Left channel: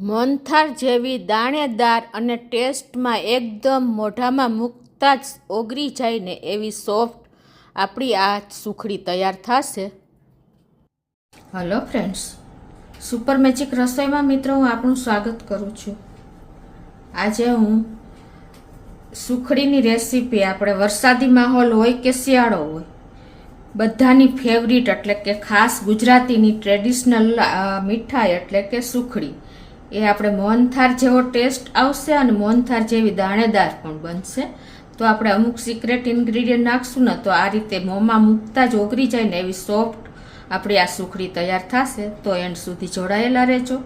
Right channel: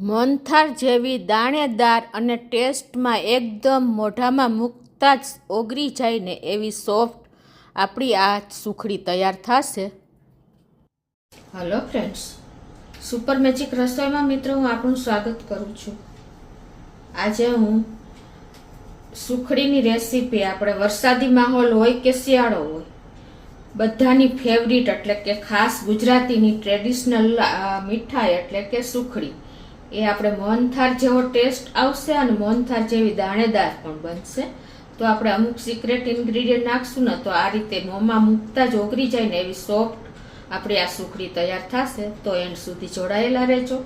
મોહનથાળ જેવી દાણેદાર અને ટેસ્ટમાં એકદમ મોઢામાં મૂકતા જ ઓગળી જાય ને એવી સોફ્ટ આપણી આ સુખડી તૈયાર થશે. હલો ફ્રેન્ડ્સ, સુપર મેજિક રસોઈમાં મિત્રો હું આપણું સ્વાગત કરું છું. આજે હું સુખડીની રેસીપી, આપણે વરસાદી માહોલ હોય કે શિયાળો હોય, બધાની ફેવરિટ એટલે કે ખાસ ગુજરાતીની ટ્રેડિશનલ મીઠાઈ એટલે કે સુખડી, એ આપણે મોહનથાળ જેવો ટેસ્ટ આવશે અને મોહનથાળ જેવી દાણેદાર પણ બનશે. તો આપણે અમુક સિક્રેટ ઇન્ગ્રીડિયન્ટ નાખશું ને તો આ રીતે મોંમાં મૂકતા જ ઓગળી જાય ને એવી સોફ્ટ આપણી આ સુખડી તૈયાર થશે. તો એન્ડ સુધી જોડાયેલા રહેજો.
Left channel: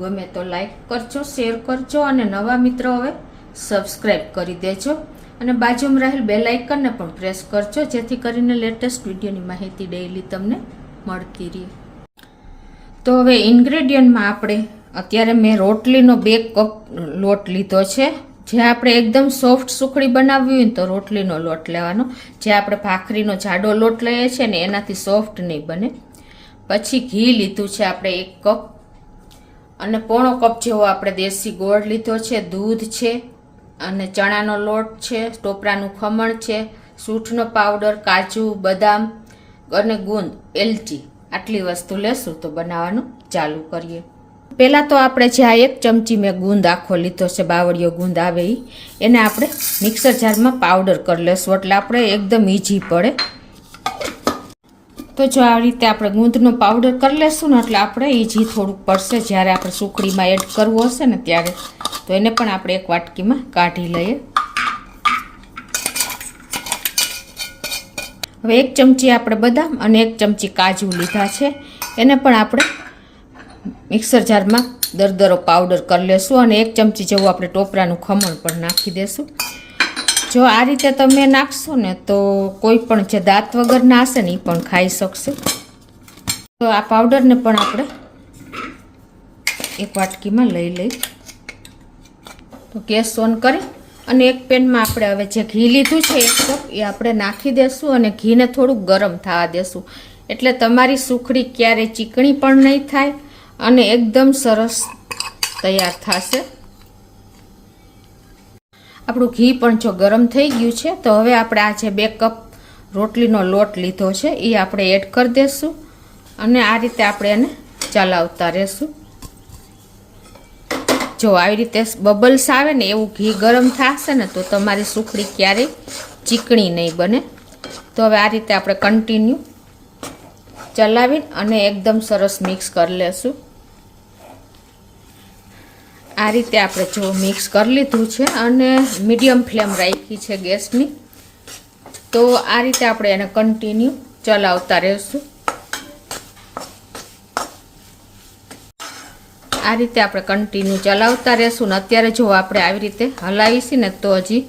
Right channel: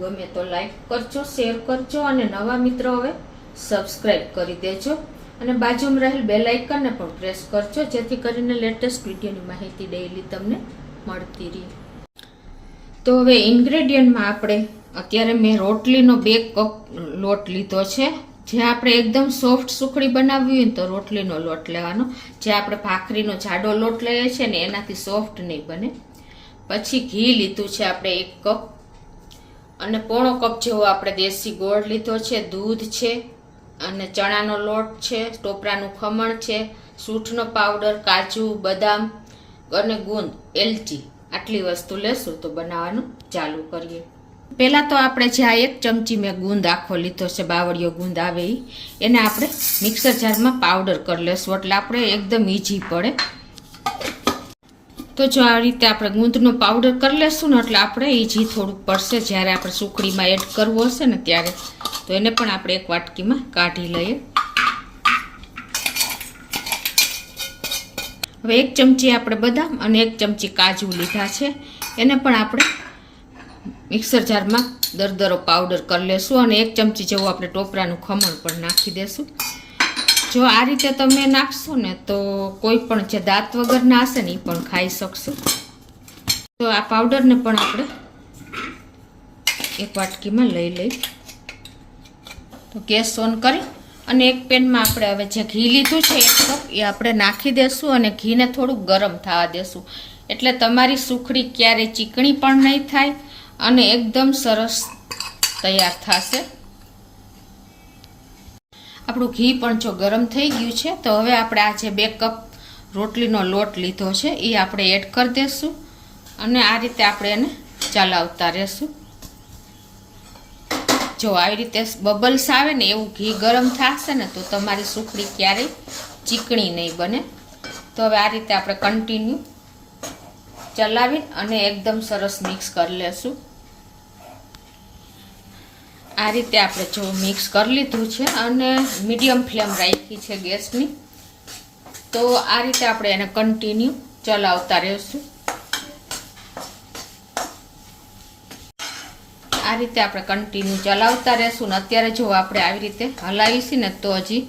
ગમે તો લાઈક કરજો, શેર કરજો અને નવા મિત્રો હવે સબસ્ક્રાઈબ કરી દેજો અને બાજુમાં રહેલ બેલ આઇકનને પણ પ્રેસ કરજો, જેથી કરીને લેટેસ્ટ વિડીયોની માહિતી ડેઈલી તમને મળતી રહે. તો હવે ઇન્ગ્રેડિયન્ટમાં આપણે અત્યારે મેં રોટલીનો 2 કપ લોટ લીધો છે. જે આપણે એકદમ સોફ્ટ સુખડી બનાવવી હોય તો રોટલીનો લોટ લેવાનો. જે આપણે ભાખરીનો જાડો લોટ લઈએ છીએ ને એનાથી સોફ્ટ નહીં બને. પછી ઘી લીધું છે આપણે 1 કપ અને પોણો કપ જેવો આપણે દેશી ગોળ લીધો છે, દૂધ છે અને ચણાનો લોટ છે, ટોપરાનું ખમણ છે, સૂંઠનો પાવડર, કાજુ, બદામ અને ગુંદ, એલચી, આટલી વસ્તુ લેશું તો બનાવવાનું ચાલુ કરીએ. પહેલા તો આપણે જે આ 1 ચમચી મેં ગુંદ આખો લીધો છે, બાવળિયો ગુંદ આવે એને આપણે મિક્સર જારમાં પાવડર કરી લેશું એટલે આપણે એકદમ ઈઝી પડે. તો જો આ રીતે આપણે ગુંદનો પાવડર કરી લેશું ને એટલે આપણે ઈઝી થોડુંક પડશે જ્યારે આપણે સુખડીમાં એડ કરવું હશે ને ત્યારે. તો એને પણ આપણે એક વાટકીમાં કાઢી લઈએ. હવે 1 ચમચી આપણે બદામ અને 1 ચમચી કાજુ લીધા છે, એને પણ આપણે મિક્સર જારમાં દરદરો પાવડર કરી લેશું અને 1 ચમચી જેવું આપણે ટોપરાનું ખમણ પણ નાખી દેશું. જો આ રીતે તમે નાખશો ને તો કોઈ પણ જે દાંત વગરના હશે ને એ પણ ખાઈ શકશે. તો આ પાવડરને પણ આપણે એક વાટકીમાં લઈ લઈ. તો ગેસ ઓન કરી અને એક પેનમાં આપણે હવે જે ઘી લીધું છે 1 કપ એ આપણે નાખી દેશું અને ઘીને થોડુંક ગરમ થવા દેશું. એટલે તમારી સુખડી ક્યારેય ચીકણી પણ નહીં થાય અને એકદમ સરસ તૈયાર થશે. આપણું ઘી પણ જો ગરમ થઈ ગયું છે તો હવે આપણે આ જે 2 કપ રોટલીનો લોટ લીધો છે એ આપણે એડ કરી દઈશું અને આ રીતે આપણે એને ચલાવતા રહેશું. જો આવી રીતે બબલ્સ આવે ને એવું ઘી ગરમ થશે ને તો તમારી સુખડી ક્યારેય ચીકણી નહીં બને. તો હવે આ રીતે આપણે કન્ટિન્યુ ચલાવી અને એકદમ સરસ મિક્સ કરી લેશું. આ રીતે આપણે જો મિક્સ કરી લીધું છે અને મીડિયમ ફ્લેમ રાખી છે ગેસની. તો આ રીતે આપણે એને કન્ટિન્યુ ચલાવતા રહેશું. આ રીતે આપણે કન્ટિન્યુ ચલાવતા રહેશું ને અત્યારે જો આપણે આવી રીતે હલાવીશું ને તો હજી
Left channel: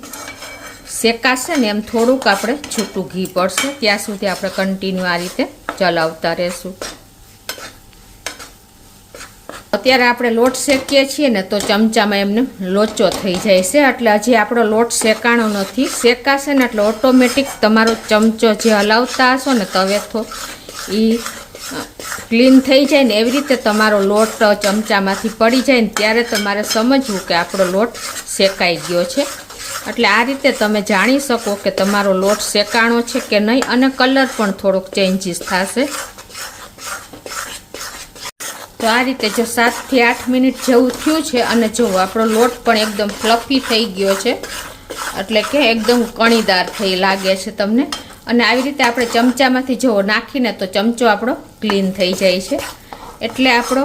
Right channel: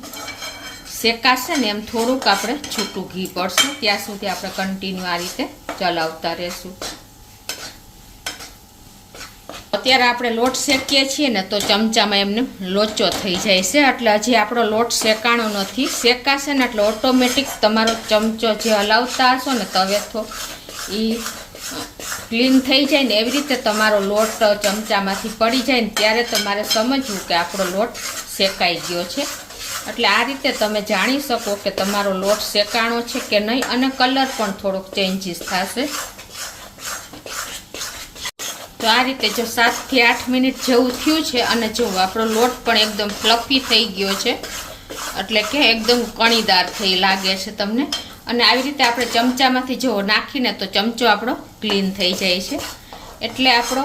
શેકાશે ને એમ થોડુંક આપણે છૂટું ઘી પડશે ત્યાં સુધી આપણે કન્ટિન્યુ આ રીતે ચલાવતા રહેશું. અત્યારે આપણે લોટ શેકીએ છીએ ને તો ચમચામાં એમને લોચો થઈ જાય છે એટલે હજી આપણો લોટ શેકાણો નથી. શેકાશે ને એટલે ઓટોમેટિક તમારો ચમચો જે હલાવતા હશો ને તવેથો એ ક્લીન થઈ જાય ને એવી રીતે તમારો લોટ ચમચામાંથી પડી જાય ને ત્યારે તમારે સમજવું કે આપણો લોટ શેકાઈ ગયો છે. એટલે આ રીતે તમે જાણી શકો કે તમારો લોટ શેકાણો છે કે નહીં અને કલર પણ થોડોક ચેન્જીસ થશે. તો આ રીતે જો 7 થી 8 મિનિટ જેવું થયું છે અને જો આપણો લોટ પણ એકદમ ફ્લફી થઈ ગયો છે એટલે કે એકદમ કણીદાર થઈ લાગે છે તમને. અને આવી રીતે આપણે ચમચામાંથી જો નાખીને તો ચમચો આપણો ક્લીન થઈ જાય છે એટલે આપણો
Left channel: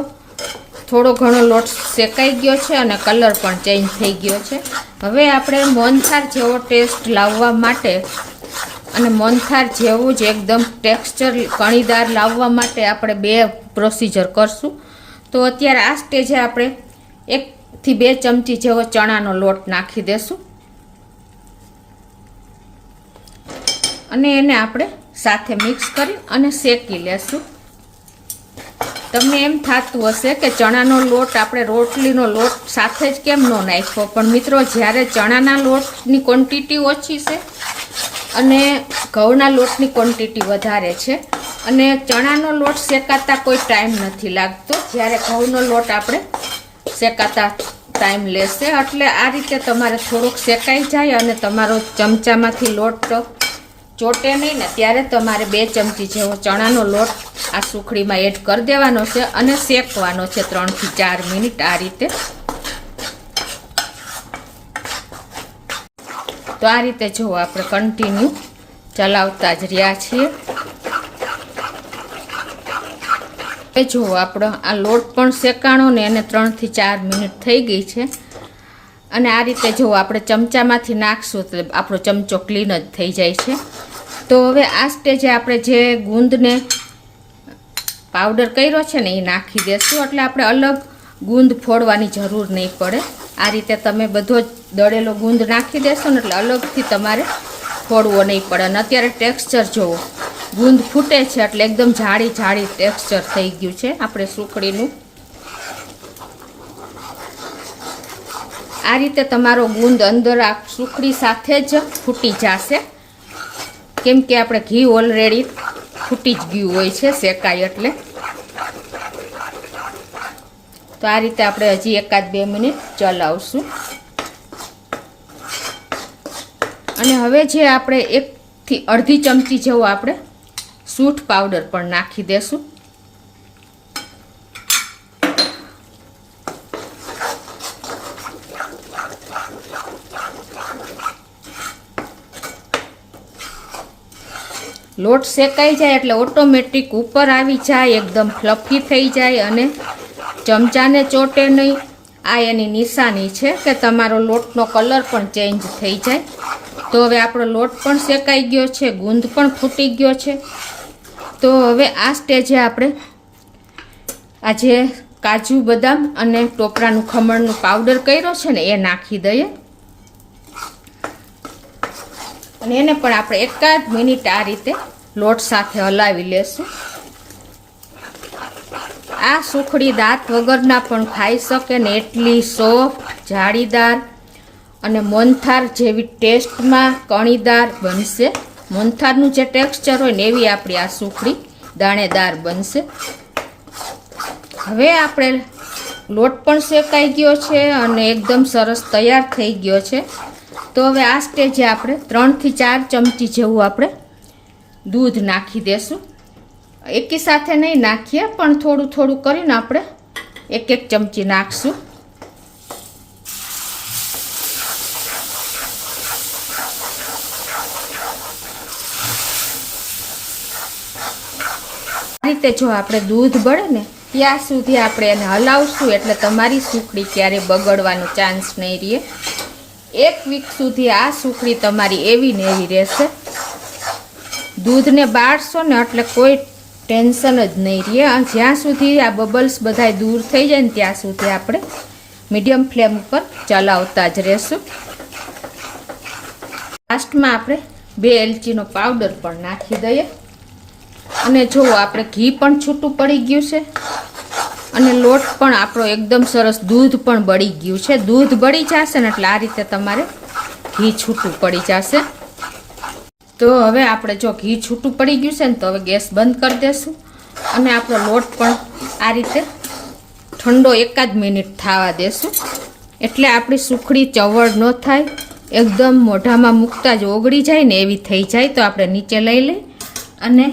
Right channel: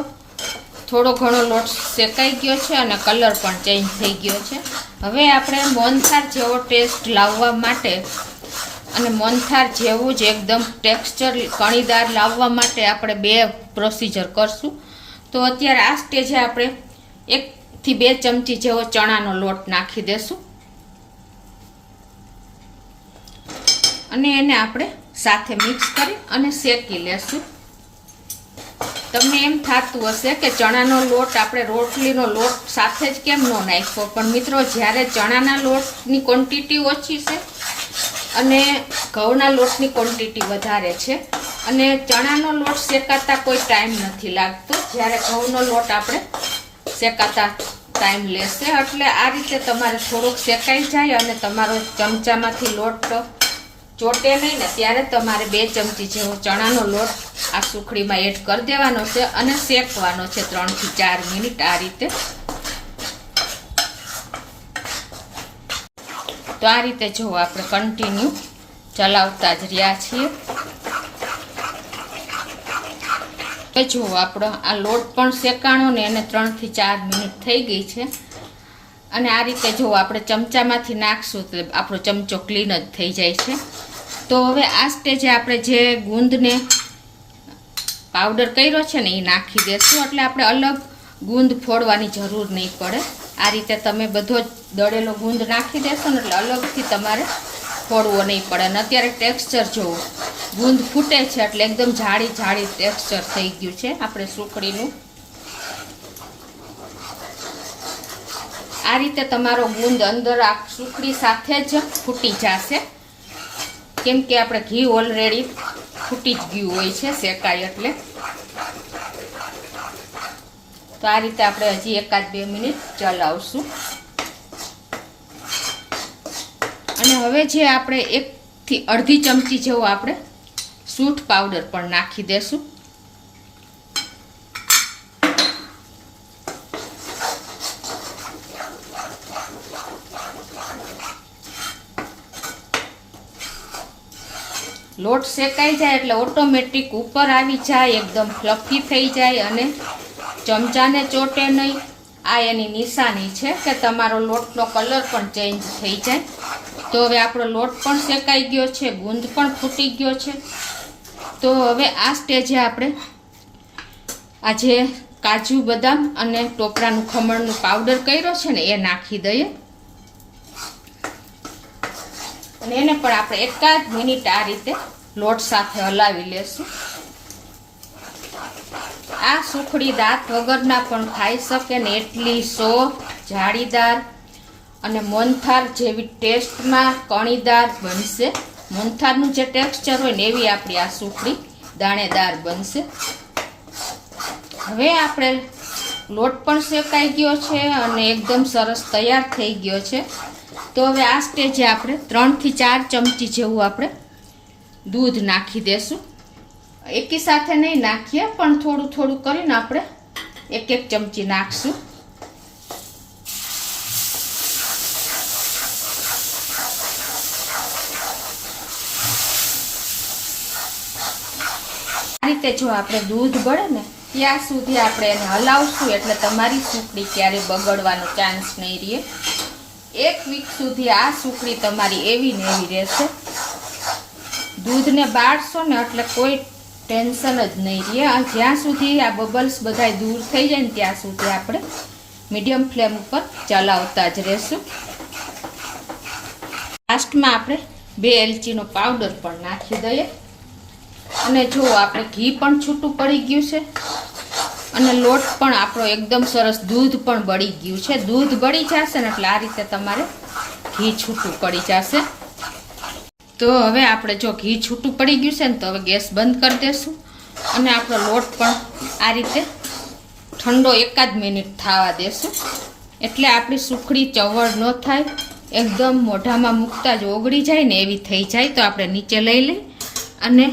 થોડો ઘણો લોટ શેકાઈ ગયો છે અને કલર પણ ચેન્જ થઈ ગયો છે. હવે આપણે મોહનથાળ જેવો ટેસ્ટ લાવવા માટે અને મોહનથાળ જેવું જ એકદમ ટેક્સચર કણીદાર લાવવા માટે આપણે 2 પ્રોસીજર કરશું. તો અત્યારે આ સ્ટેજે આપણે 1 થી 2 ચમચી જેવો ચણાનો લોટ નાખી દેશું અને એને આપણે સાથે મિક્સ કરી અને શેકી લેશું. તમને એમ થતું હશે કે ચણાનો લોટ આપણે રોટલીનો લોટ સાથે જ કેમ ન નાખ્યો, પણ મિત્રો જ્યારે ચણાના લોટની ક્વોન્ટિટી ઓછી છે અને ઘઉંના લોટની ક્વોન્ટિટી વધારે છે અને ચણાનો લોટ શેકાતા કોઈ ટાઈમ નથી લાગતો, જ્યારે ઘઉંનો લોટ આપણે શેકાતા ટાઈમ લેશે. એટલે આ રીતે તમારે થોડોક શેકાઈ જાય અને તમારો ચમચામાંથી લોટ ચોટે નહીં ને ત્યારે તમારે 2 ચમચી જેવો ચણાનો લોટ આ સુખડીમાં એડ કરી દેવાનો છે અને શેકવાનો છે 3 થી 4 મિનિટ આ રીતે. તો આ રીતે જો આપણે કન્ટિન્યુ ચલાવતા જ રહ્યા છીએ. એ જુઓ આપણો આ લોટ પણ શેકાણો ને એને 3 થી 4 મિનિટ થઈ ગઈ છે. અને આ રીતે જો આપણે ચમચામાંથી નાખશું તો આપણો ચમચો ક્લીન જ થઈ જાય છે. તો હવે આ સ્ટેજે આપણે જે ગુંદને પાવડર કર્યો છે ને એ નાખી દેશું. એટલે આપણે અલગ ગુંદ ફોડવાની જરૂર નહીં પડે. આ રીતે તમે બધો જ દળેલો ગુંદ નાખી દેશો ને એટલે અલગથી તમારે ફોડવો નહીં પડે. અને અત્યારે ટેક્સચર જુઓ, ગુંદ ફૂટે છે એટલે એકદમ જાડી જાડી ટેક્સચર થઈ ગયું છે આપણે સુખડીનું. આ રીતે તમારો ગુંદ અંદર આ સુખડી સાથે જ ફૂટી જશે, કેમ કે આપણે ઘી ઓલરેડી ફૂટી જ ગયું હોય છે શેકાય એટલે. તો આ રીતે આપણે હજી 1-2 મિનિટ ચલાવશું. અને હવે જે આપણે 1 થી અડધી ચમચી જેવો આપણે સૂંઠ પાવડર પણ નાખી દેશું. લોટ શેકાઈ જાય એટલે ઓટોમેટિક ઉપર આવી જાય, એકદમ ફ્લફી થઈ જાય અને ચમચાને ચોટે નહીં. આ એની નિશાની છે કે તમારો લોટનો કલર પણ ચેન્જ થઈ જાય. તો હવે આપણો લોટ પણ શેકાઈ ગયો છે, ગુંદ પણ ફૂટી ગયો છે. તો હવે આ સ્ટેજે આપણે આ જે કાજુ બદામ અને ટોપરાનું ખમણનું પાવડર કર્યો છે ને એ નાખી દઈએ. અને એને પણ આપણે 1 મિનિટ આ રીતે લોટ સાથે હલાવી લેશું. આ સુખડી દાંત વગરના પણ ખાઈ શકે ને એટલી સોફ્ટ, જાળીદાર અને મોહનથાળ જેવી ટેસ્ટમાં કણીદાર બનશે. મોહનથાળનું જે ટેક્સચર હોય ને એવી આપણી આ સુખડી દાણેદાર બનશે. હવે આપણે લોટ પણ શેકાઈ ગયો છે અને એકદમ સરસ તૈયાર થઈ ગયો છે. તો હવે આ સ્ટેજે આપણે 3 થી 4 ચમચી જેવું આપણે દૂધ નાખી દેશું. એકી સાથે નહીં નાખીએ પણ થોડું થોડું કરીને આપણે 1-1 ચમચી નાખશું. આ રીતે જો આપણે દૂધ બળે ને ત્યાં સુધી આપણે એને હલાવશું એટલે તમારી સુખડી ક્યારેય બગડવાનો ચાન્સ નહીં રહે. 1 વીક સુધી આ સુખડી તમારી એવી ને એવી રહેશે. દૂધને બાળશો ને એટલે કોઈ ટેન્શન જ નહીં રહે. જ્યાં સુધી આ બબલ્સ બધાય દૂર થઈ જાય ને ત્યાં સુધી આપણે મીડિયમ ફ્લેમ ઉપર ચલાવતા જ રહેશું. લાસ્ટમાં આપણે 2 એલચીનો પાવડર પણ નાખી દઈએ. અને જો આપણે ઘી પણ છૂટું પડી ગયું છે અને લોટ પણ આપણો એકદમ સરસ, દૂધ પણ બળી ગયું છે. દૂધ બળી જશે ને એટલે આ રીતે તમારે ઘી છૂટું પડી જશે. તો હવે આપણે જો ઘી છૂટું પડી ગયું છે ને તો હવે ગેસ બંધ કરી દેશું. અને આપણો લોટ પણ આ રીતે ઠંડો 1 મિનિટ થવા દેશું. એટલે આપણી સુખડી ચવળ ન થાય, એકદમ મોઢામાં મૂકતા જ ઓગળી જાય ને એવી થઈ જાય. તો આપણે નીચે લઈ અને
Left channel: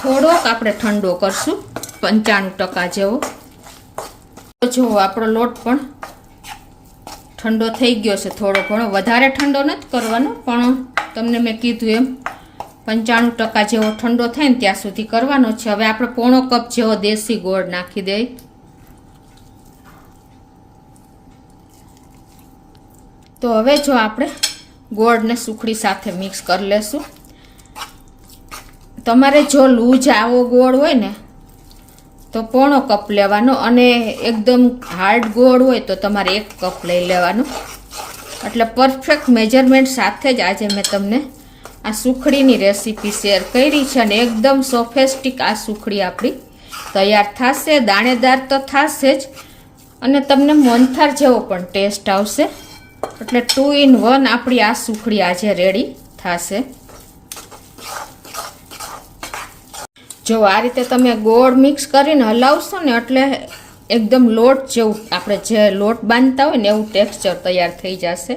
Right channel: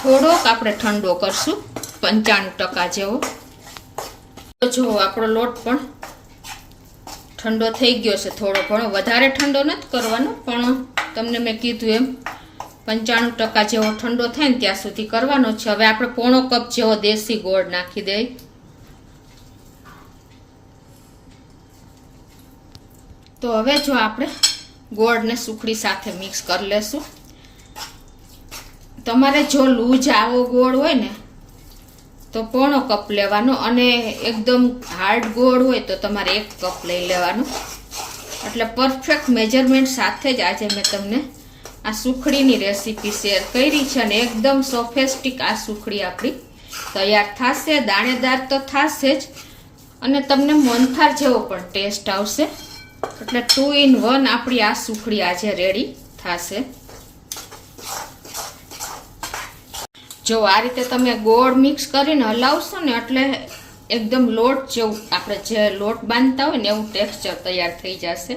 થોડોક આપણે ઠંડો કરશું, 95% જેવો. તો જો આપણો લોટ પણ ઠંડો થઈ ગયો છે. થોડો ઘણો વધારે ઠંડો નથી કરવાનો, પણ તમને મેં કીધું એમ 95% જેવો ઠંડો થાય ને ત્યાં સુધી કરવાનો છે. હવે આપણે 1/4 કપ જેવો દેશી ગોળ નાખી દઈએ. તો હવે જો આપણે ગોળને સુખડી સાથે મિક્સ કરી લેશું. તમારે જો લૂજ આવો ગોળ હોય ને તો 1/4 કપ લેવાનો, અને એકદમ હાર્ડ ગોળ હોય તો તમારે 1 કપ લઈ લેવાનો. એટલે પરફેક્ટ મેજરમેન્ટ સાથે જ આજે મેં તમને આ સુખડીની રેસીપી શેર કરી છે. અને એકદમ સોફેસ્ટિક આ સુખડી આપણી તૈયાર થશે. દાણેદાર તો થશે જ અને તમને મોહનથાળ જેવો પણ ટેસ્ટ આવશે. એટલે 2 in 1 આપણી આ સુખડી આજે રેડી થશે. જો આ રીતે તમે ગોળ મિક્સ કરીને હલાવશો ને એટલે એકદમ લોટ જેવું આપણે જે લોટ બાંધતા હોય ને એવું ટેક્સચર તૈયાર થઈ જશે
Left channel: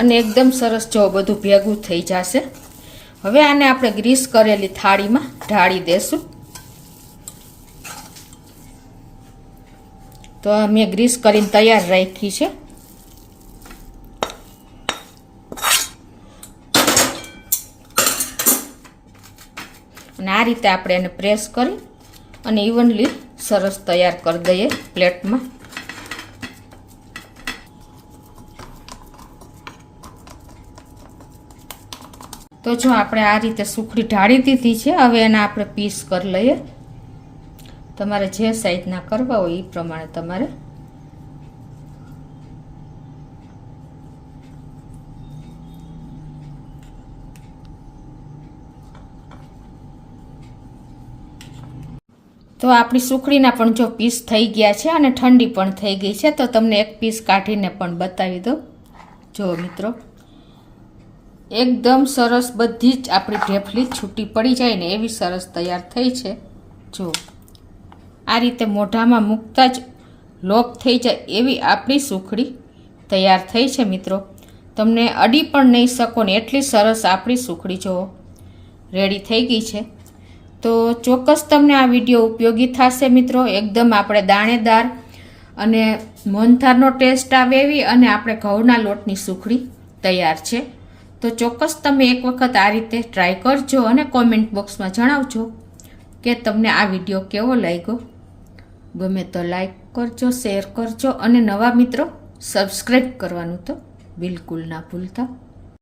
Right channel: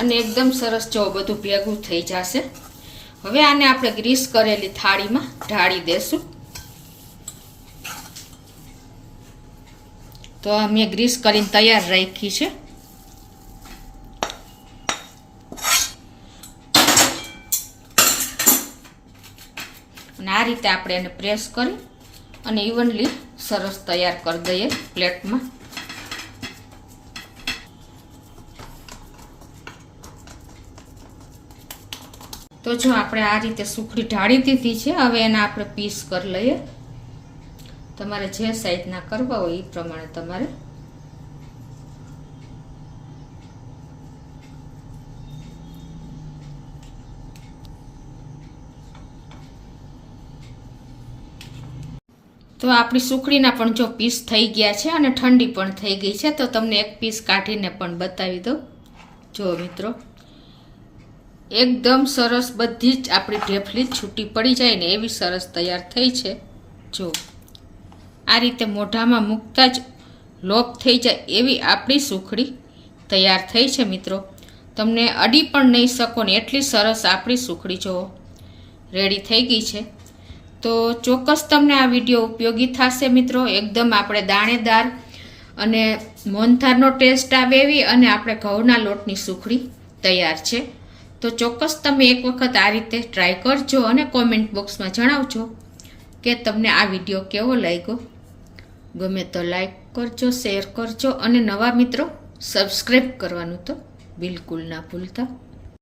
અને એકદમ સરસ જેવું બધું ભેગું થઈ જશે. હવે આને આપણે ગ્રીસ કરેલી થાળીમાં ઢાળી દેશું. તો મેં ગ્રીસ કરીને તૈયાર રાખી છે. અને આ રીતે આપણે એને પ્રેસ કરી અને ઇવનલી સરસ તૈયાર કરી દઈએ પ્લેટમાં. તો જો આપણે આ રીતે સુખડી ઢાળી દીધી છે. હવે એના આપણે પીસ કરી લઈએ. તમારે જે સાઈઝના કરવા હોય એ પ્રમાણે તમારે તો આપણી સુખડીના પણ જો પીસ થઈ ગયા છે અને ઠંડી પણ થઈ ગઈ છે. તો તમને એક પીસ કાઢીને પણ બતાવી દો. જો મિત્રો એકદમ સરસ બધી જ આપણી ઢેફલી છૂટી પડી જાય ને એવી સરસ તૈયાર થઈ છે. જો આ રીતે મોઢામાં મૂકતા જ લોક થઈ જાય એવી આપણી સુખડી તૈયાર થઈ છે મિત્રો. તમને અડી પણ નહીં શકો ને એટલી સરસ આપણી સુખડી જો રેડી થઈ ગઈ છે. તો ચોક્કસ તમને આ વિડીયો ઉપયોગી થશે મિત્રો. એકદમ આપણે દાણેદાર અને મોહનથાળનો ટેસ્ટ આવે એવી અને આપણે ઘઉંના લોટની સુખડી તૈયાર છે. તો ચોક્કસ તમે એક વખત આ રીતે ટ્રાય કરજો અને કોમેન્ટ બોક્સમાં જણાવજો કે તમને આ વિડીયો કેવો લાગ્યો. ગમે તો લાઈક કરજો, શેર કરજો અને નવા મિત્રો સબસ્ક્રાઈબ કરવાનું તો બિલકુલ ના ભૂલતા.